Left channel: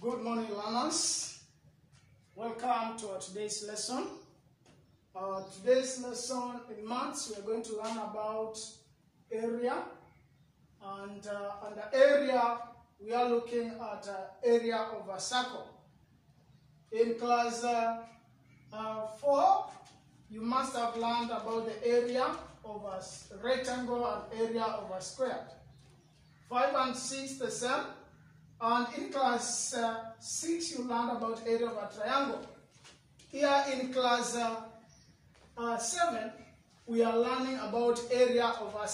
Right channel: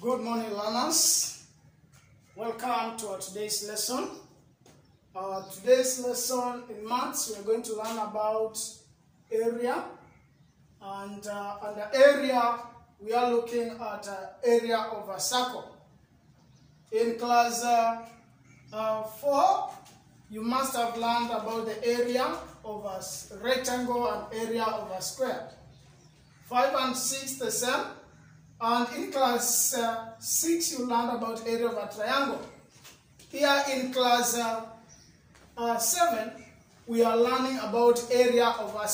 Good morning, learners. Welcome to our today's lesson. Today's lesson in maths, we are going to learn about area. And under area, we are looking at area of a circle. In class 4, you must have learned about the area of a rectangle and area of a square. 5 and 6 the same. And in class 6, you learned about area of a triangle. Here in class 7, we are learning about area of a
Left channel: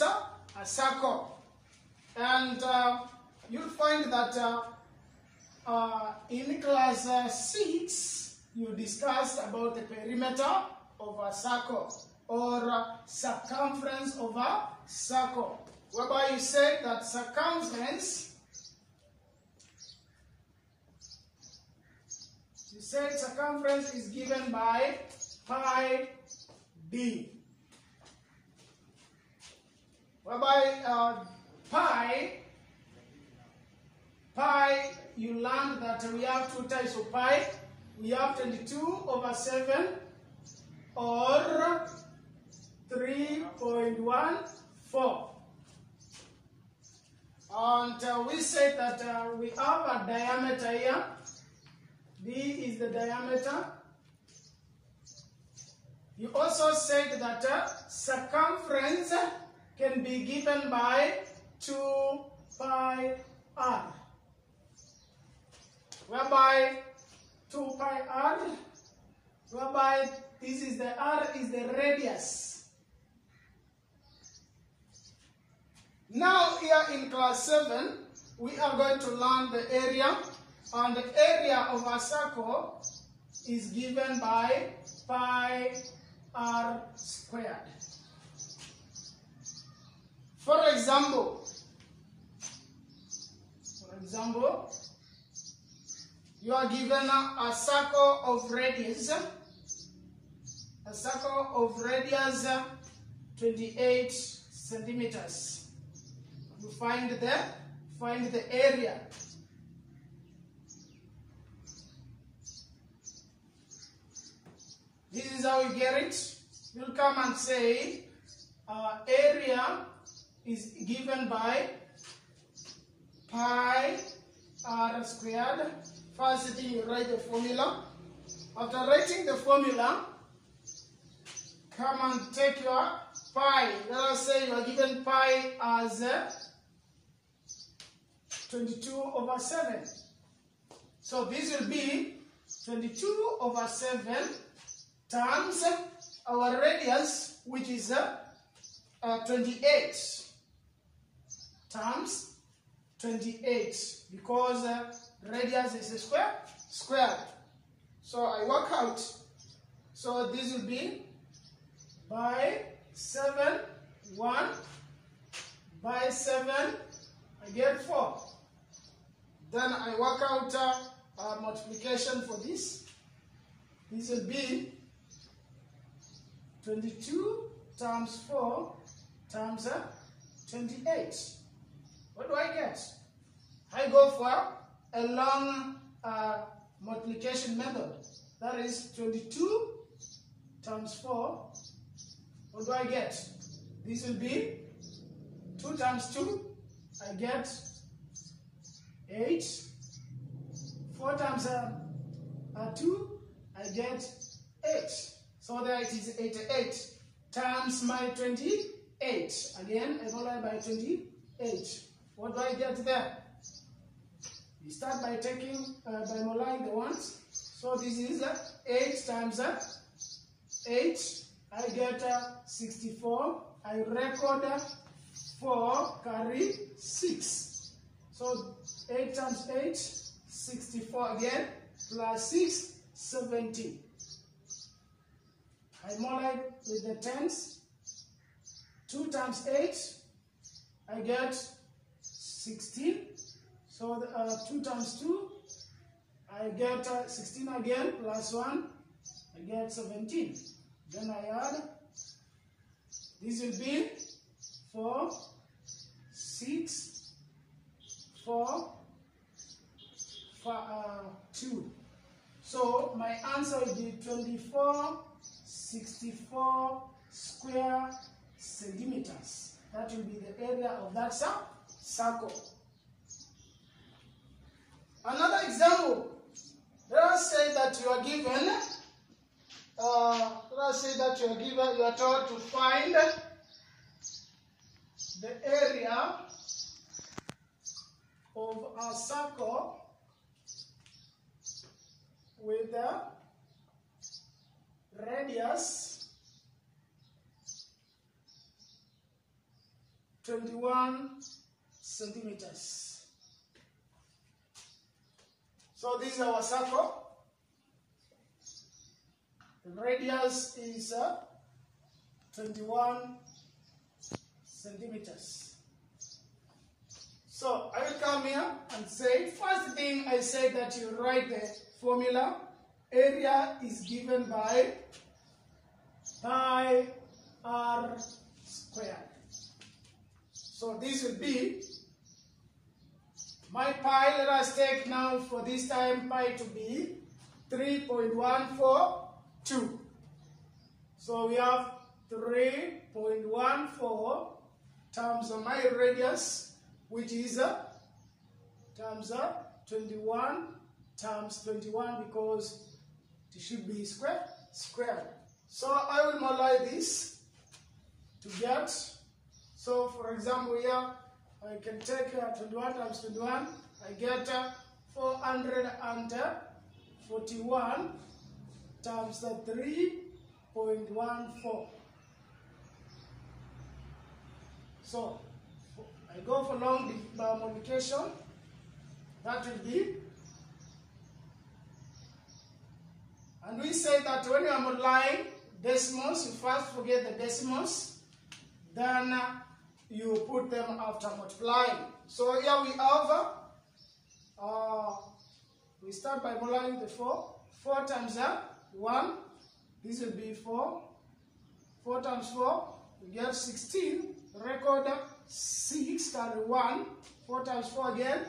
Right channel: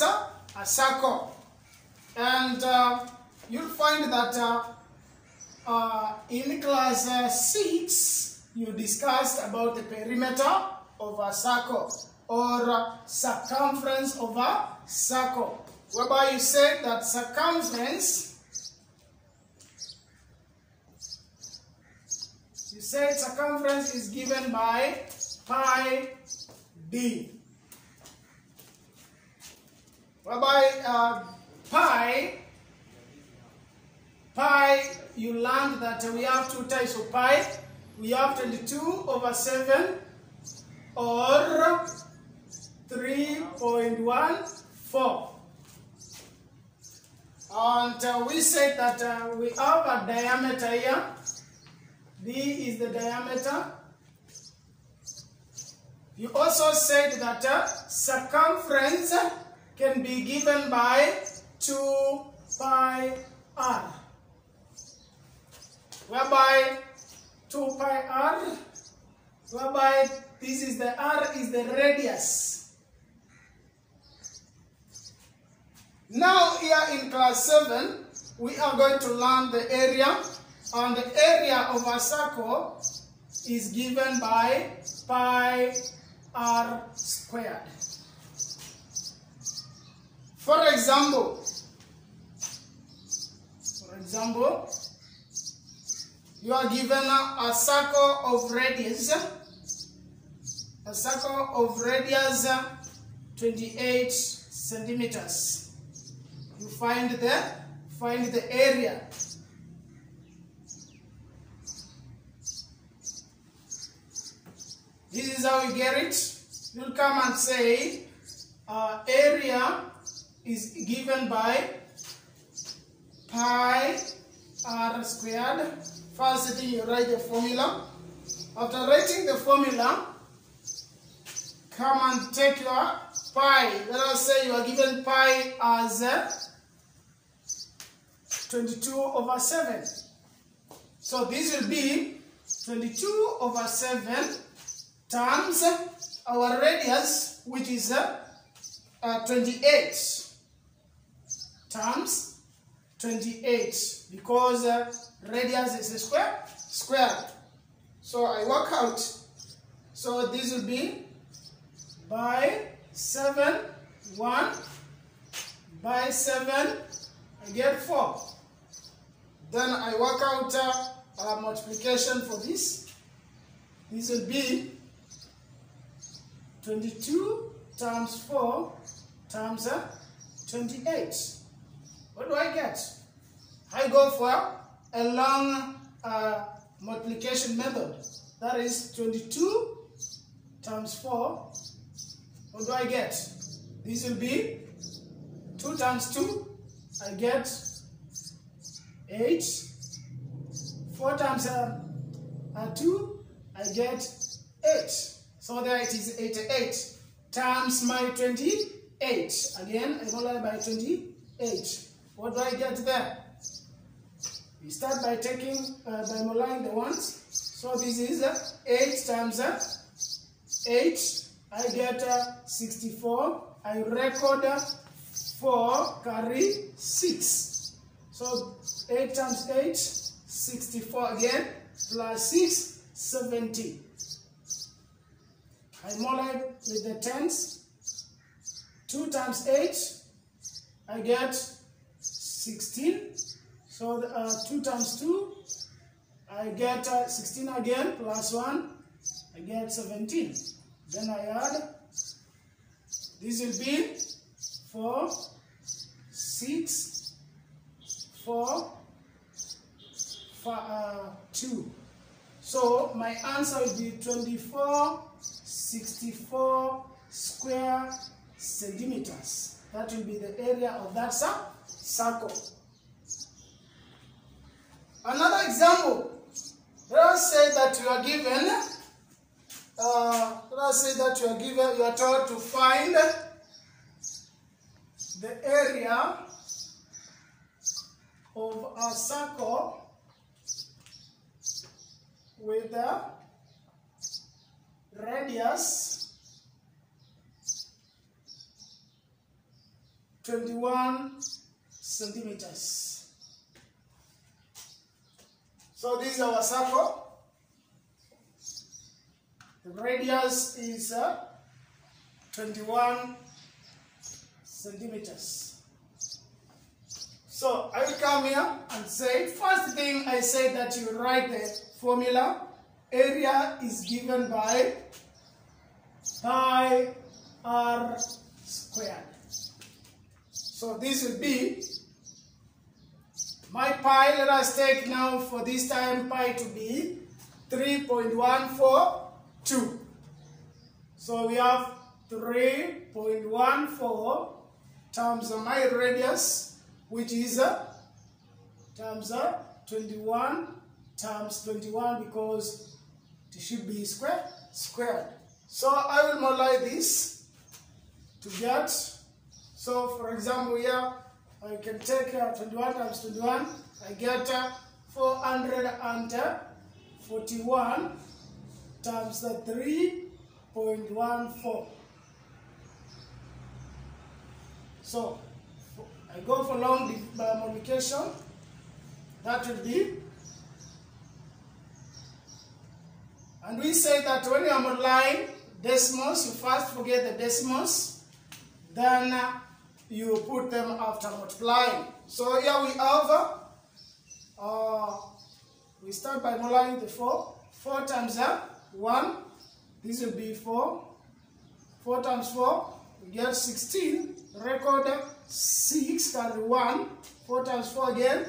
circle. And you'll find that in class 6, you discussed about the perimeter of a circle or circumference of a circle, whereby you said that circumference is given by pi d, whereby pi, you learned that we have two types of pi. We have 22/7 or 3.14. And we said that we have a diameter here. D is the diameter. You also said that circumference can be given by 2 pi r, whereby 2 pi r, whereby this is the r is the radius. Now here in class 7, we are going to learn the area. And the area of a circle is given by pi r squared. For example, you are given a circle of radius. 28 centimeters. You find the area. This is how you get it. You'll come and say area is given by pi r squared. First thing, you write the formula. After writing the formula, come and take your pi. Let us say you are given pi as 22/7. So this will be 22/7 times our radius, which is 28, times 28, because radius is a square. So I work out. So this will be by 7, 1, by 7, I get 4. Then I work out a multiplication for this. This will be 22 times 4 times 28. What do I get? I go for a long multiplication method. That is 22 times 4. What do I get? This will be 2 times 2. I get 8. 4 times 2. I get 8. So there it is, 88 times my 28. Again, I multiply by 28. What do I get there? We start by by multiplying the ones. So this is 8 times 8. I get 64. I record 4 carry 6. So 8 times 8, 64 again, plus 6, 70. I multiply with the tens. 2 times 8, I get 16. So 2 times 2, I get 16 again, plus 1, I get 17. Then I add, this will be 4, 6, 4, 2. So my answer will be 2464 square centimeters. That will be the area of that circle. Another example. Let us say that you are given. You are told to find the area of a circle with a radius 21 centimeters. So this is our circle. The radius is 21 centimeters. So I will come here and say, first thing I say that you write the formula. Area is given by pi r squared. So this will be my pi. Let us take now for this time pi to be 3.142. So we have 3.14 times my radius, which is times 21 times 21, because it should be squared. So I will multiply this to get. So for example here, I can take 21 times 21. I get 441 times the 3.14. So I go for long multiplication. That will be, and we say that when you are multiplying decimals, you first forget the decimals, then you put them after multiplying. So here we have, we start by multiplying the 4. 4 times 1, this will be 4. 4 times 4, we get 16. Record 6, carry 1. 4 times 4 again,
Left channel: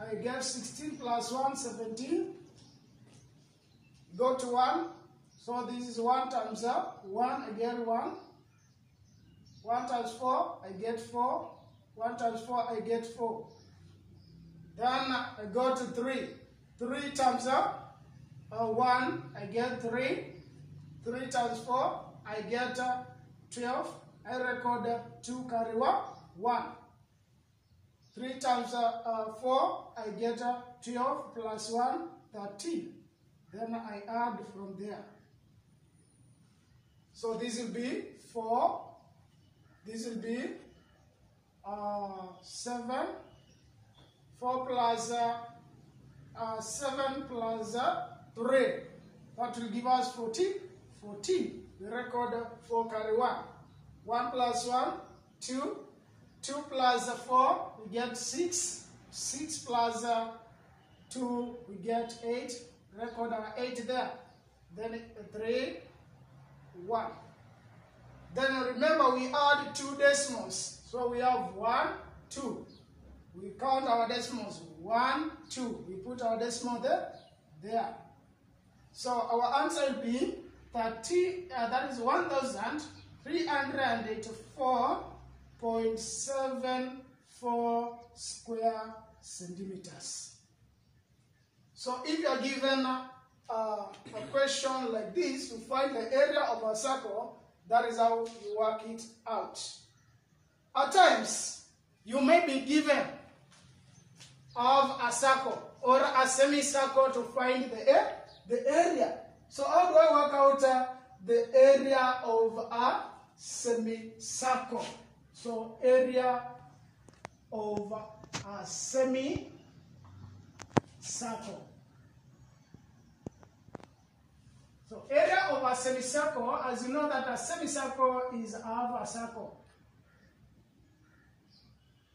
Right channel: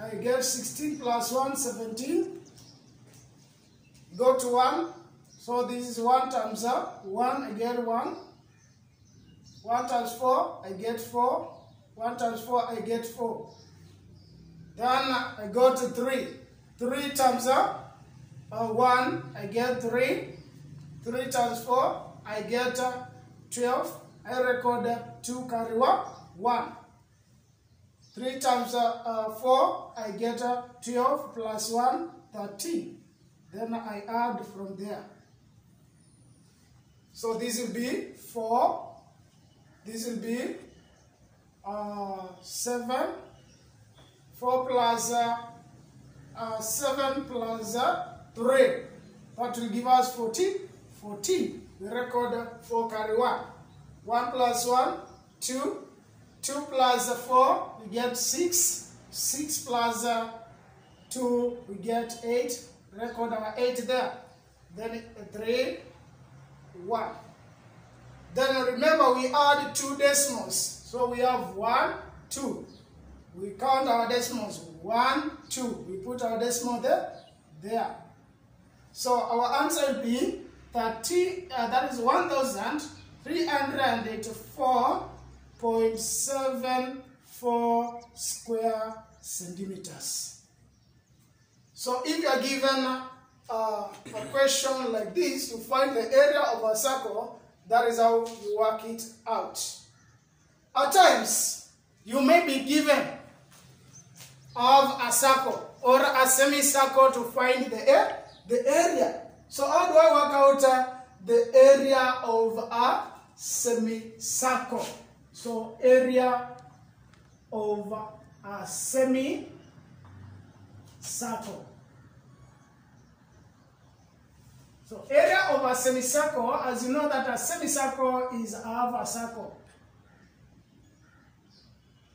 I get 16 plus 1, 17. Go to 1. So this is 1 times 1, I get 1. 1 times 4, I get 4. 1 times 4, I get 4. Then I go to 3. 3 times 1, I get 3. 3 times 4, I get 12. I record 2, carry 1. 3 times 4, I get 12 plus 1, 13. Then I add from there. So this will be 4. This will be 7. 4 plus 7 plus 3. That will give us 14. 14. We record 4, carry 1. 1 plus 1, 2. 2 plus 4, we get 6. 6 plus 2, we get 8. Record our 8 there. Then 3, 1. Then remember we add 2 decimals. So we have 1, 2. We count our decimals. 1, 2. We put our decimal there. So our answer will be 30. That is 1,384.74 square centimeters. So if you are given a question like this, to find the area of a circle, that is how you work it out. At times, you may be given of a circle or a semicircle to find the area. So how do I work out the area of a semicircle? So area of a semicircle. So area of a semicircle, as you know that a semicircle is half a circle.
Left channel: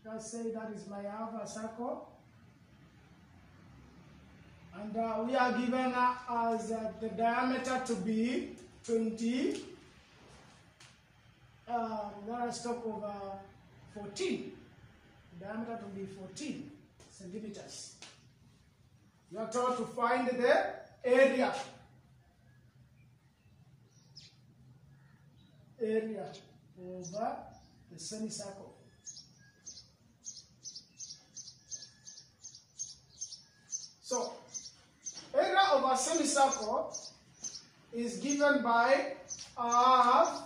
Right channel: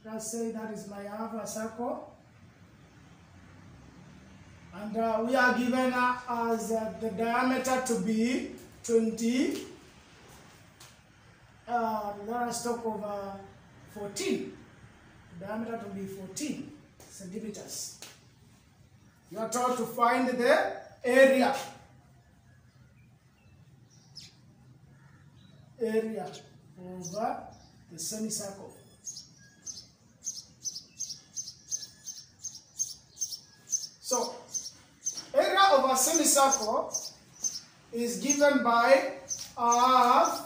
Let's say that is my half a circle. And we are given as the diameter to be 20. Let us talk of 14. Diameter to be 14 centimeters. You are told to find the area. Area over the semicircle. So, area of a semicircle is given by half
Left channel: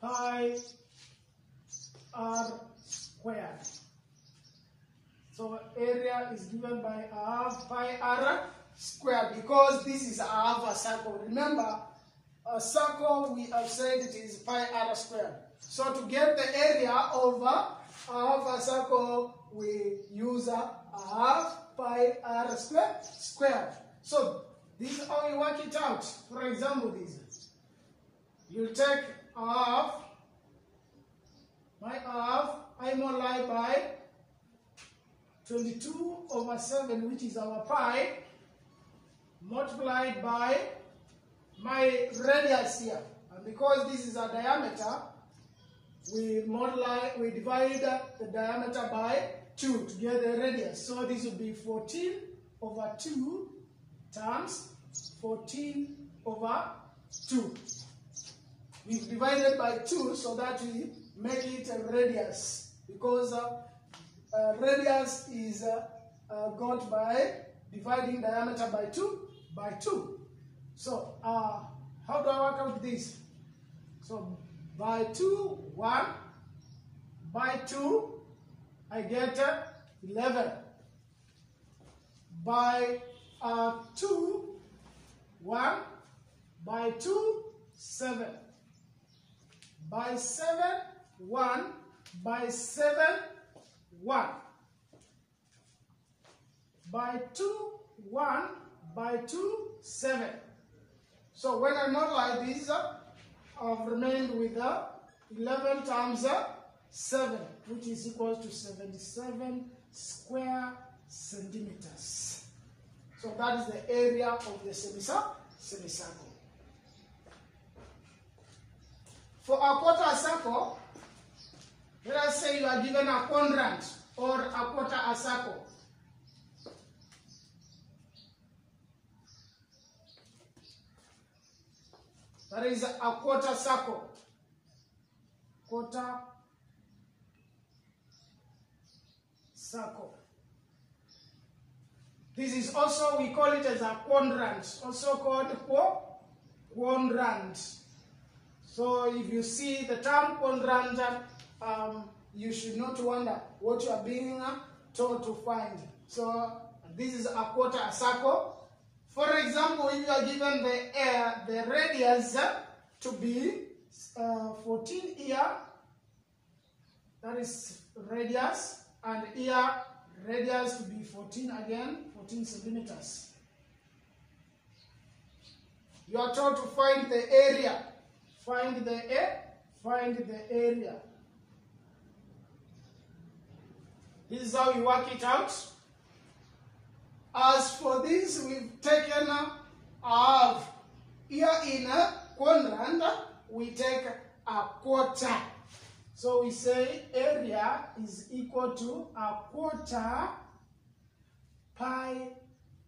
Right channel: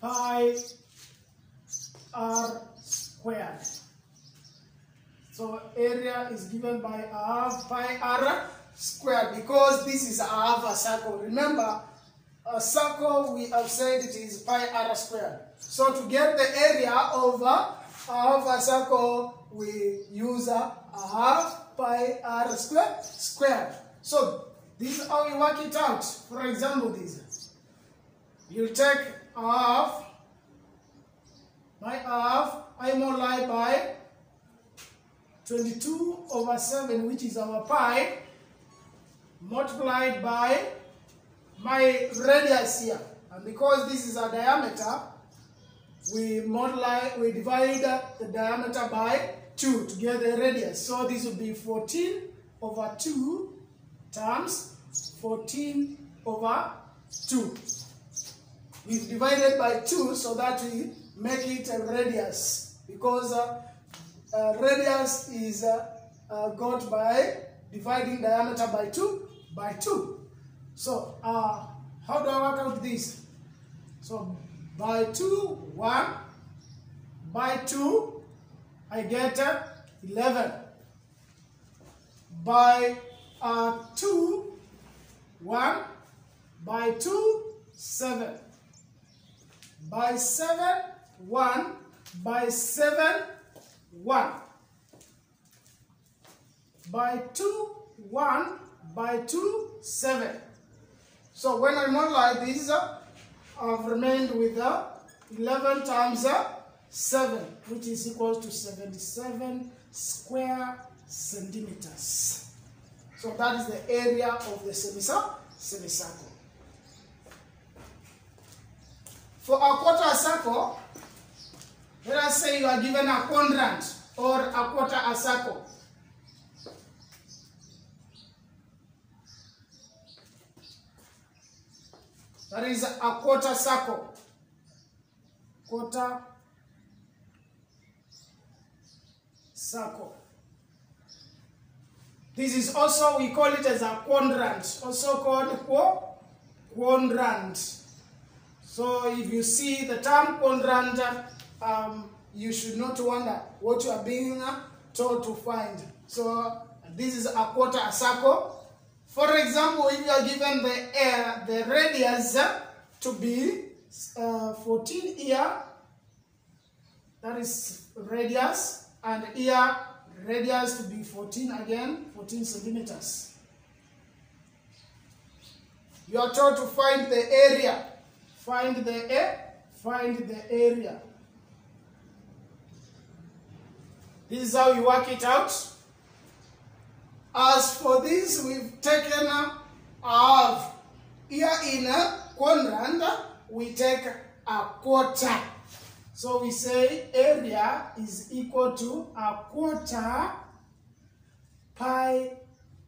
pi r squared. So area is given by half pi r squared because this is half a circle. Remember, a circle we have said it is pi r squared. So to get the area of half a circle, we use a half pi r squared. So this is how we work it out. For example, this. You take half, my half, I multiply by 22/7, which is our pi, multiplied by my radius here. And because this is a diameter, we divide the diameter by 2 to get the radius. So this will be 14/2 times 14/2. We've divided by 2 so that we make it a radius, because radius is got by dividing diameter by 2. So how do I work out this? So by 2, 1, by 2, I get 11. By 2, 1, by 2, 7. By 7, 1, by 7, 1. By 2, 1, by 2, 7. So when I multiply these, I've remained with 11 times 7, which is equal to 77 square centimeters. So that is the area of the semicircle. For a quarter circle, let us say you are given a quadrant or a quarter a circle. That is a quarter circle. Quarter circle. This is also, we call it as a quadrant, also called quadrant. So if you see the term quadrant, you should not wonder what you are being told to find. So this is a quarter circle. For example, if you are given the radius to be 14 here, that is radius, and here radius to be 14 again, 14 centimeters. You are told to find the area. Find the area. This is how you work it out. As for this, we've taken half. Here in a quadrant, we take a quarter. So we say area is equal to a quarter pi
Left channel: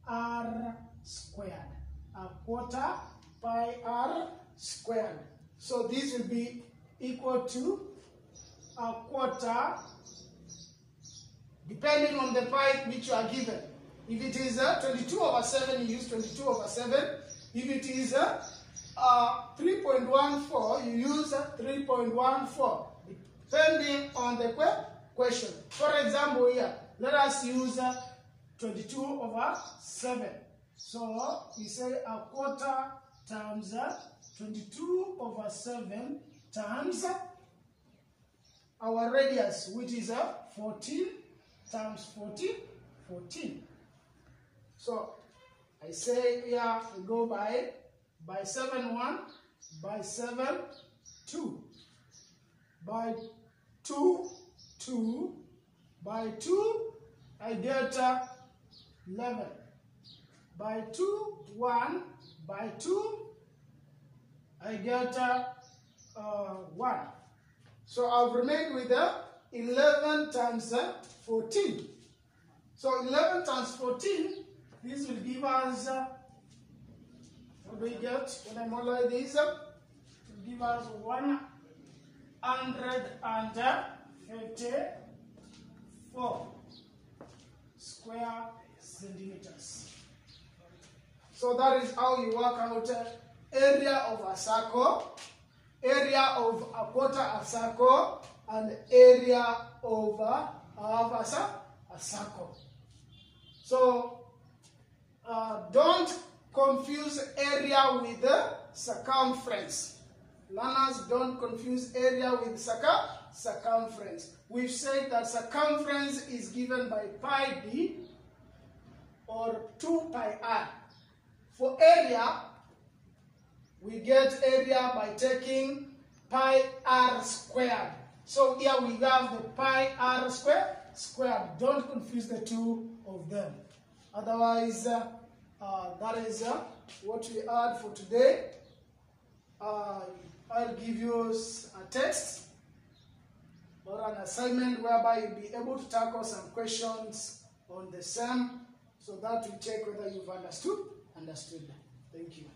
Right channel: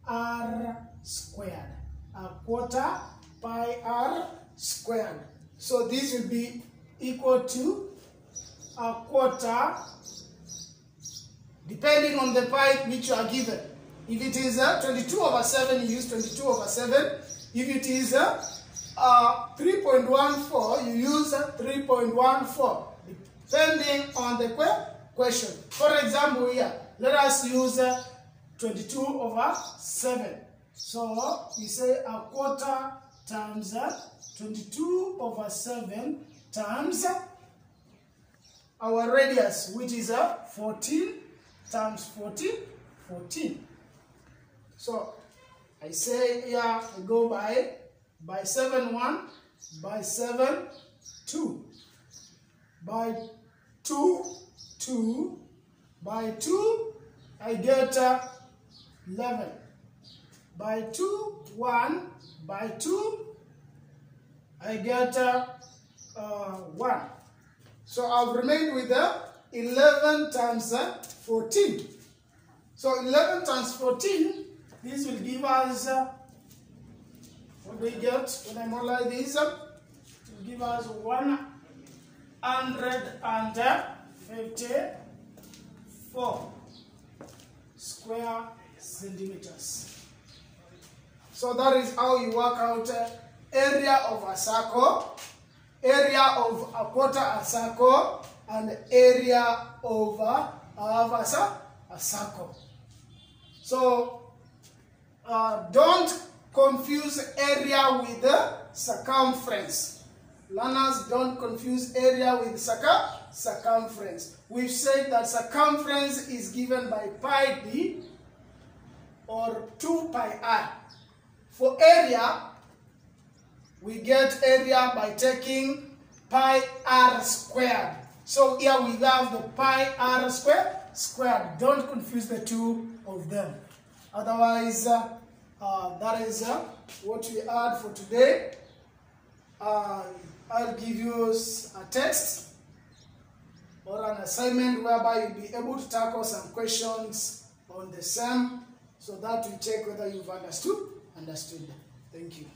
r squared. A quarter pi r squared. So this will be equal to a quarter, depending on the pi which you are given. If it is 22/7, you use 22/7. If it is 3.14, you use 3.14, depending on the question. For example, here, let us use 22/7. So we say a quarter times 22/7 times our radius, which is 14 times 14, 14. So I say here, I go by 7, 1, by 7, 2, by 2, 2, by 2, I get 11, by 2, 1, by 2, I get 1. So I'll remain with 11 times 14. So 11 times 14, this will give us, what we get when I multiply this, it will give us 154 square centimeters. So that is how you work out area of a circle, area of a quarter a circle, and area of a circle. So don't confuse area with circumference. Learners, don't confuse area with circumference. We've said that circumference is given by pi d or 2 pi r. For area, we get area by taking pi r squared. So here we have the pi r squared. Don't confuse the two of them. Otherwise, that is what we had for today. I'll give you a text or an assignment whereby you'll be able to tackle some questions on the same, so that we check whether you've understood. Thank you.